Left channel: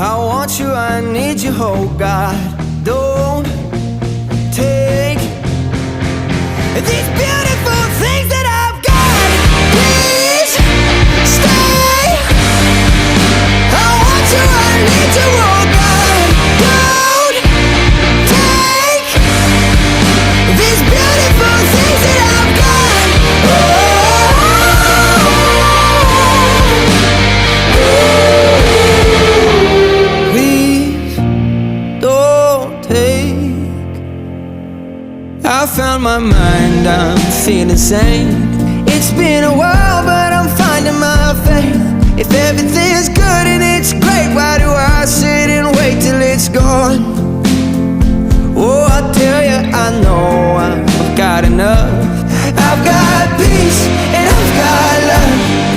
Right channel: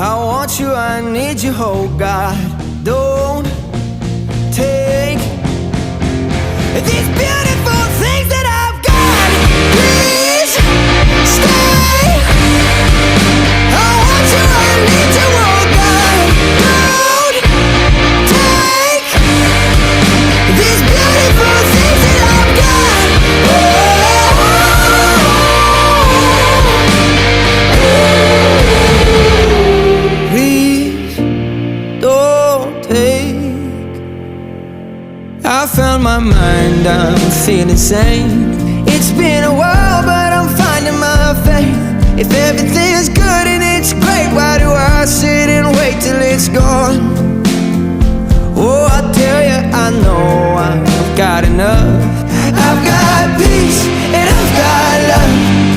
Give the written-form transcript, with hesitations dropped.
I want you, I need you, oh God. Don't take these beautiful things that I've got. Please stay. I want you, I need you, oh God. Don't take these beautiful things that I've got. Please don't take. I found my mind, I'm feeling sane. It's been a while, but I'm finding my faith. If everything's good and it's great, why do I sit and wait till it's gone? Oh, I tell you, I know I've got enough. I've got peace and I've got love.